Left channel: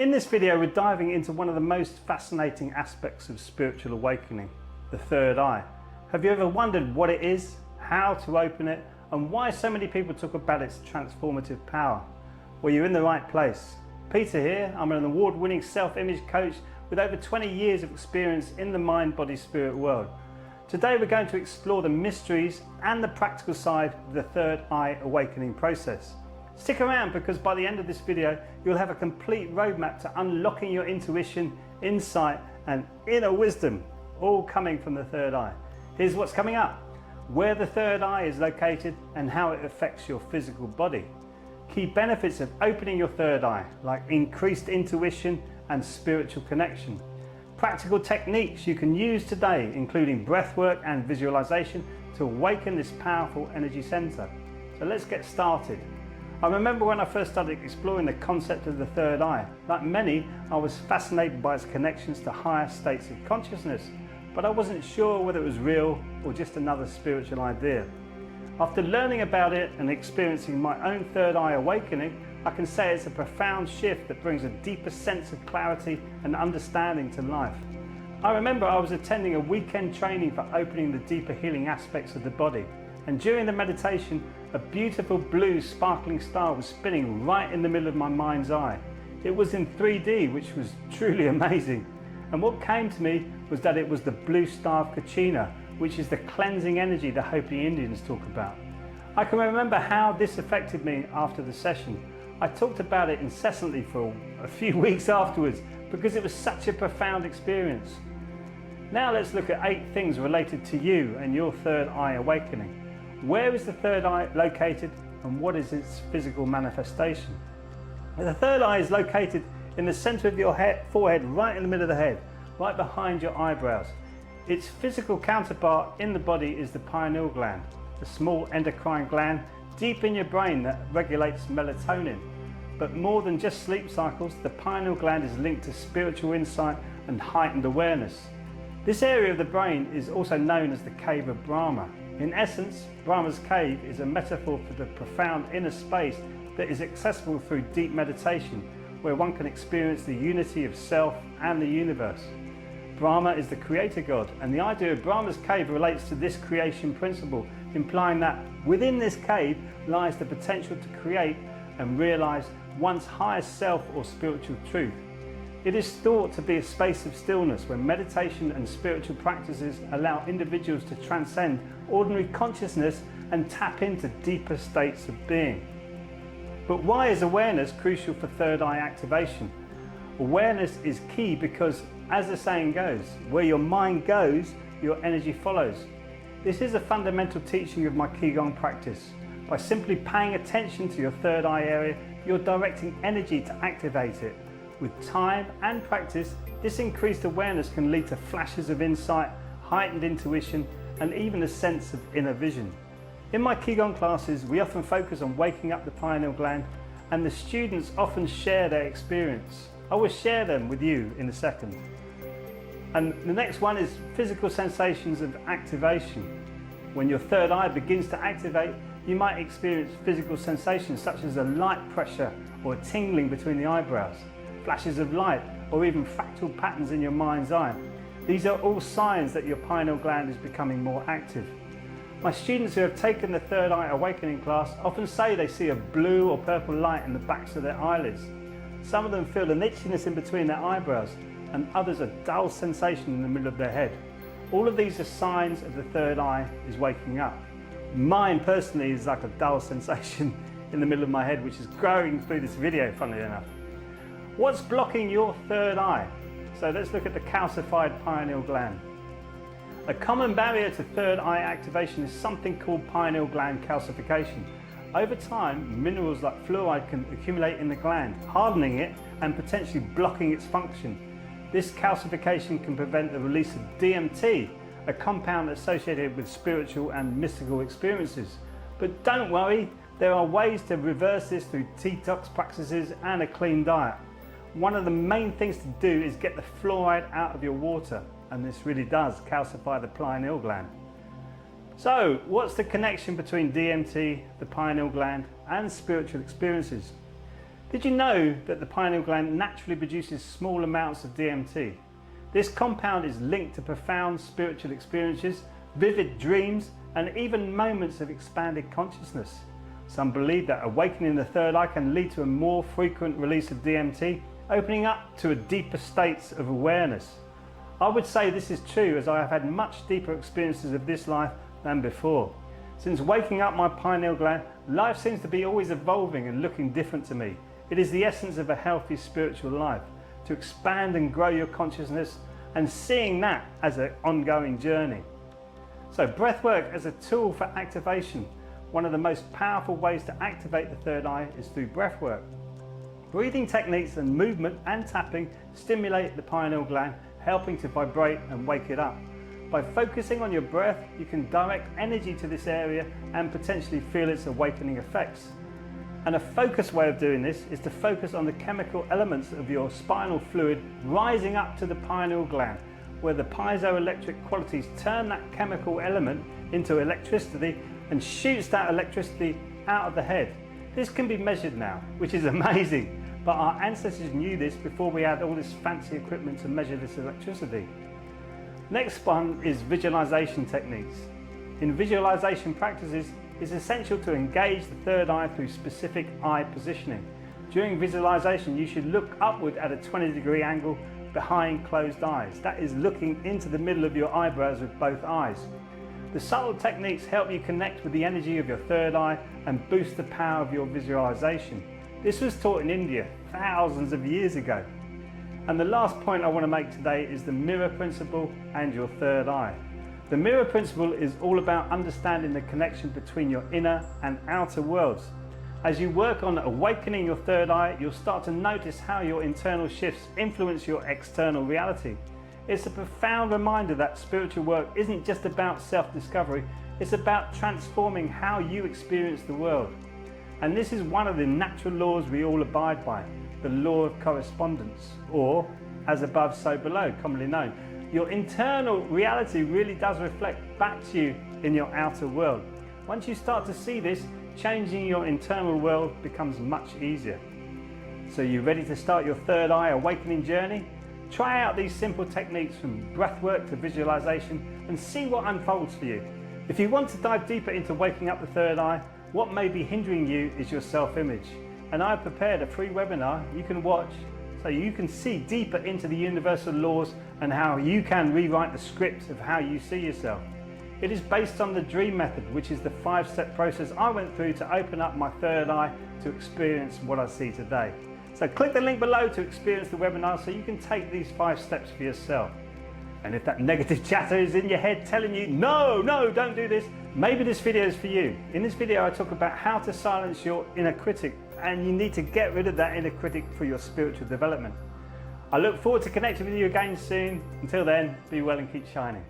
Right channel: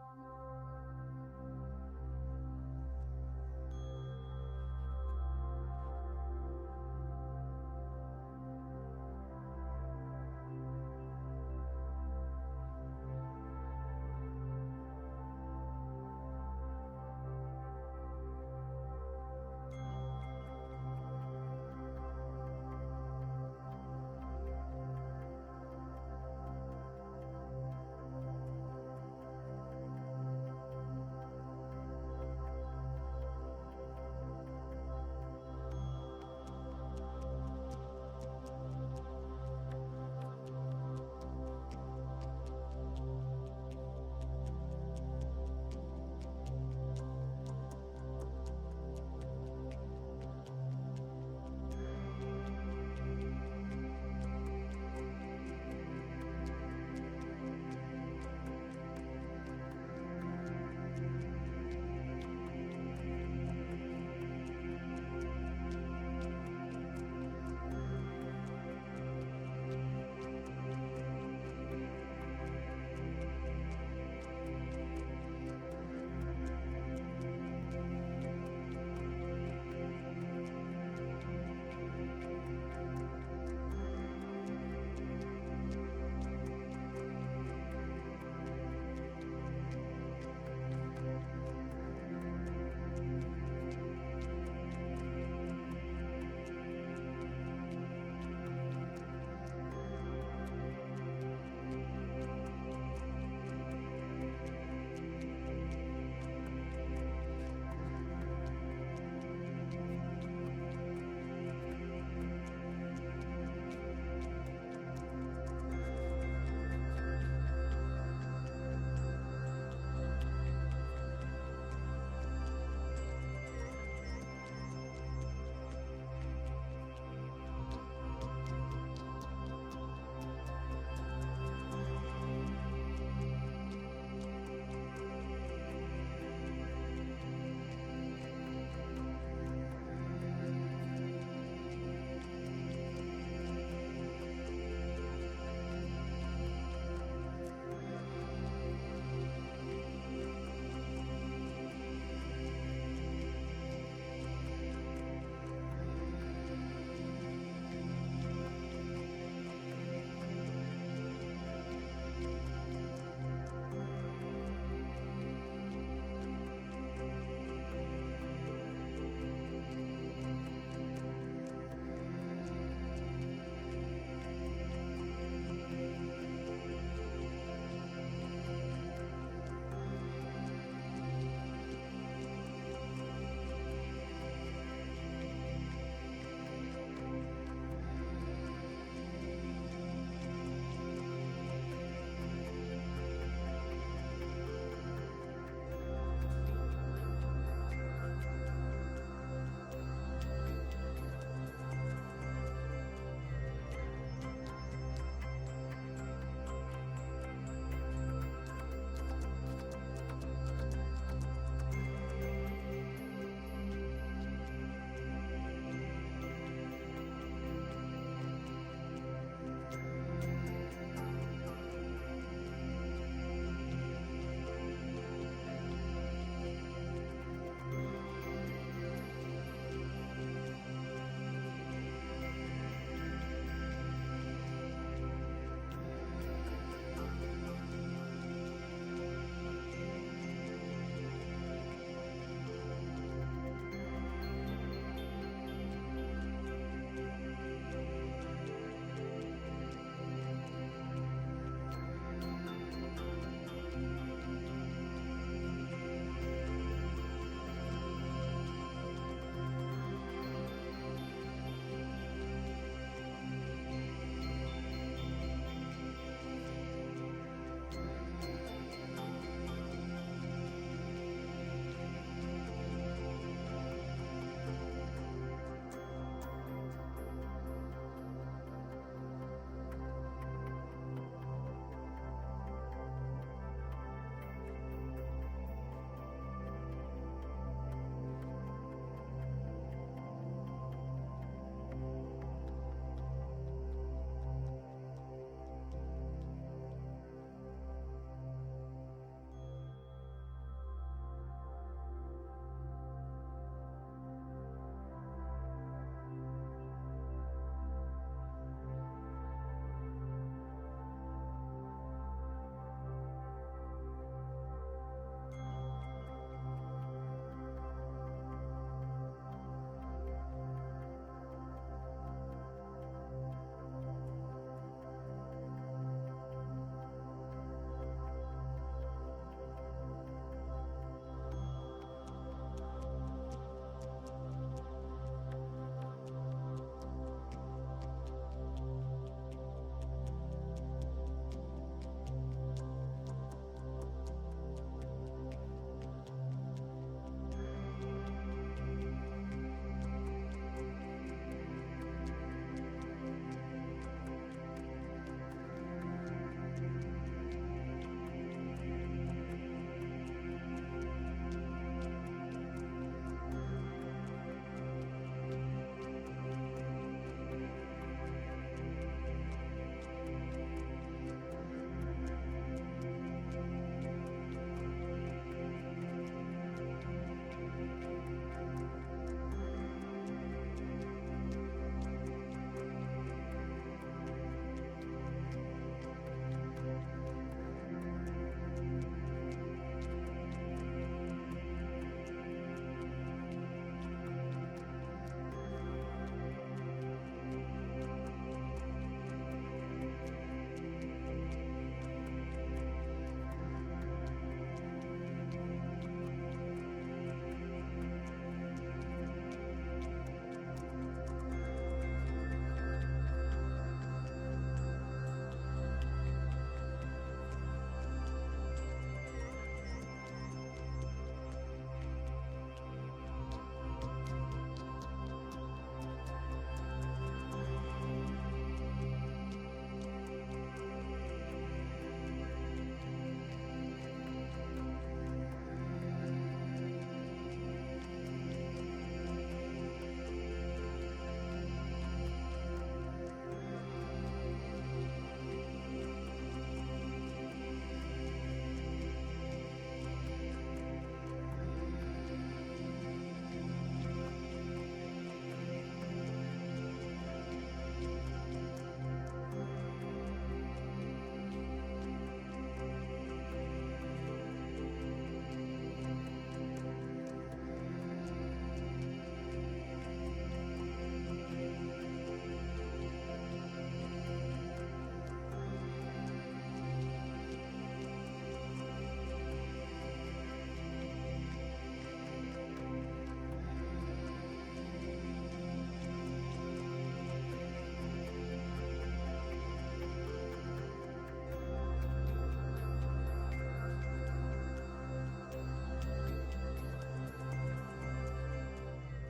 In this video, we're diving into one of the most fascinating aspects of spiritual awakening, the third eye. Have you ever wondered what it is, how to open it, and why so many people talk about its transformative power? Well, you're in the right place. Peter here, I'm an award-winning self-image coach with over 20 years of experience in the mind, body, spirit world. Today we're going to explore the mysteries and the practical side of the third eye awakening process. Stick around, because by the end of this video you'll have a complete roadmap to unlocking your intuition, insight and inner wisdom, all coming from the third eye. Here's what's coming up: where the third eye is located and how it affects your physical body. Key benefits of opening your third eye, like increased intuition and spiritual connection. Practical techniques you can use today, including breathwork and visualization, to awaken this powerful energy center. So let's get started. I remember when I first started exploring the concept of the third eye. Like many, I was fascinated by its connections to higher states of consciousness, but I wasn't sure whether it was real or just another spiritual idea. After learning about it and experiencing my own third eye awakening, I can say it's a profound shift that brings a deeper sense of clarity and understanding to life. I remember I was attending a weekend training for opening the deeper healing aspects of the body, and during the meditation, a beautiful blue sparkling star was spinning right in the middle of my mind's eye. It was in 3D, which was truly amazing. And what came to me was that it was the blue star of Kachina, which is the cleansing energy the Hopi Indians talk about. I can remember how this affected me after the session. I talked about it incessantly for a few weeks afterwards because it was such a profound experience. Now let's look at 8 things related to you and your third eye awakening. Where is the third eye located and what is its physical manifestation? The third eye is located in the center of your forehead, right in the middle of the head, right behind your eyebrows. Its physical counterpart in the body is the pineal gland, the small endocrine gland deep in your brain that regulates melatonin. But more than just sleep cycles, the pineal gland is linked to spiritual insight and heightened awareness. This area of the brain is also known as the cave of Brahma. In essence, Brahma's cave is a metaphor for the profound inner space that is accessible through deep meditation, where one can experience the unity of self and the universe. Brahma is the creator god, and the idea of Brahma's cave relates to this creation principle, implying that within this cave lies the potential to create and realize one's highest self or spiritual truth. It is thought to be a space of stillness where meditation and spiritual practices allow individuals to transcend ordinary consciousness and tap into deeper states of being. But why is awareness crucial for third eye activation? Awareness is key because, as the saying goes, where your mind goes, your energy follows. This is a fundamental teaching of my Qigong practice. By simply paying attention to your third eye area, you're directing energy to activate it. With time and practice, this increased awareness can lead to flashes of insight, heightened intuition, and even a sense of inner vision. In my Qigong classes, we often focus on waking up the pineal gland, and the students often share their experience. I will share them with you in a second. And the next one is physical sensations of activation. When your third eye begins to activate, you might experience physical sensations such as a light pressure or a tingling between the eyebrows, flashes of light, or even fractal patterns in your mind's eye. These are all signs that your pineal gland is becoming more active. My students who have taken the third eye awakening class often say they see a blue or purple light in the backs of their eyelids. Some of them feel an itchiness in between their eyebrows, and others a dull sensation in the middle of their head. All of these are signs of the third eye is waking up. Mine personally is like a dull sensation in the middle of my head, which is growing through this video, funnily enough. What's blocking your third eye? So let's look at the calcified pineal gland. A common barrier to third eye activation is something called pineal gland calcification. Over time, minerals like fluoride can accumulate in the gland, hardening it and potentially blocking its function. This calcification can prevent the release of DMT, a compound associated with spiritual and mystical experiences. But don't worry, there are ways to reverse this through detox practices and a clean diet. One of the main things to do is get the fluoride out of your water, and this really does calcify the pineal gland. So, what's the connection between DMT, the pineal gland, and spiritual experiences? Did you know that the pineal gland naturally produces small amounts of DMT? This compound is linked to profound spiritual experiences, vivid dreams, and even moments of expanded consciousness. Some believe that awakening the third eye can lead to a more frequent release of DMT, opening up to a deeper states of awareness. I would say this is true, as I have had much deeper experiences of this life than before. Since waking up my pineal gland, life seems to be always evolving and looking different to me. It is the essence of a healthy spiritual life, to expand and grow your consciousness, and seeing that as an ongoing journey. So breathwork as a tool for activation. One of the most powerful ways to activate the third eye is through breathwork. Breathing techniques and movement and tapping stimulate the pineal gland, helping to vibrate and wake it up. By focusing on your breath, you can direct energy to this area and potentially feel its awakening effects. And a focused way of doing this is to focus on the chemical elements of your spinal fluid rising up to the pineal gland, where the piezoelectric qualities turn that chemical element into electricity and shoots that electricity out of the head. This can be measured now, which is amazing, but our ancestors knew this before we had all this fancy equipment to measure this electricity. Next one is visualization techniques. In visualization practices, it's essential to engage the third eye through specific eye positioning. During visualization, you should look upward at a 20-degree angle behind closed eyes. That is looking into the middle of your eyebrows with both eyes. The subtle techniques help you connect with the energy of your third eye and boost the power of your visualization. This was taught in India thousands of years ago. And the last point I want to make today is the mirror principle and your third eye. The mirror principle is all about understanding the connection between your inner and outer worlds. As you work on awakening your third eye, you'll start to notice how your internal shifts influence your external reality. It's a profound reminder that spiritual work isn't just about self-discovery, it's about transforming how you experience the world. And this is one of the natural laws we all abide by, the law of correspondence, or as above, so below, commonly known. Your internal reality really does reflect back to you in your outer world. Once you start to see this, changing your internal world becomes much easier. So you ready to start your third eye awakening journey? Try out these simple techniques from breathwork to visualization and see what unfolds for you. If you want to dive deeper into waking up the third eye, what may be hindering you is your self-image. And I've prepared a free webinar you can watch so you can see deeper into the universal laws and how you can rewrite the script of how you see yourself. It is based on the dream method, which is the 5-step process I went through to open up my third eye to experience what I see today. So click the link below to experience the webinar so you can take these 5 steps for yourself. And if that negative chatter is in your head telling you, no, don't do this, maybe this video is for you. In this video I talk about how to silence your inner critic, and you need to get rid of that inner critic for your spiritual development. I look forward to connecting with you again soon. Until then, be well and keep shining.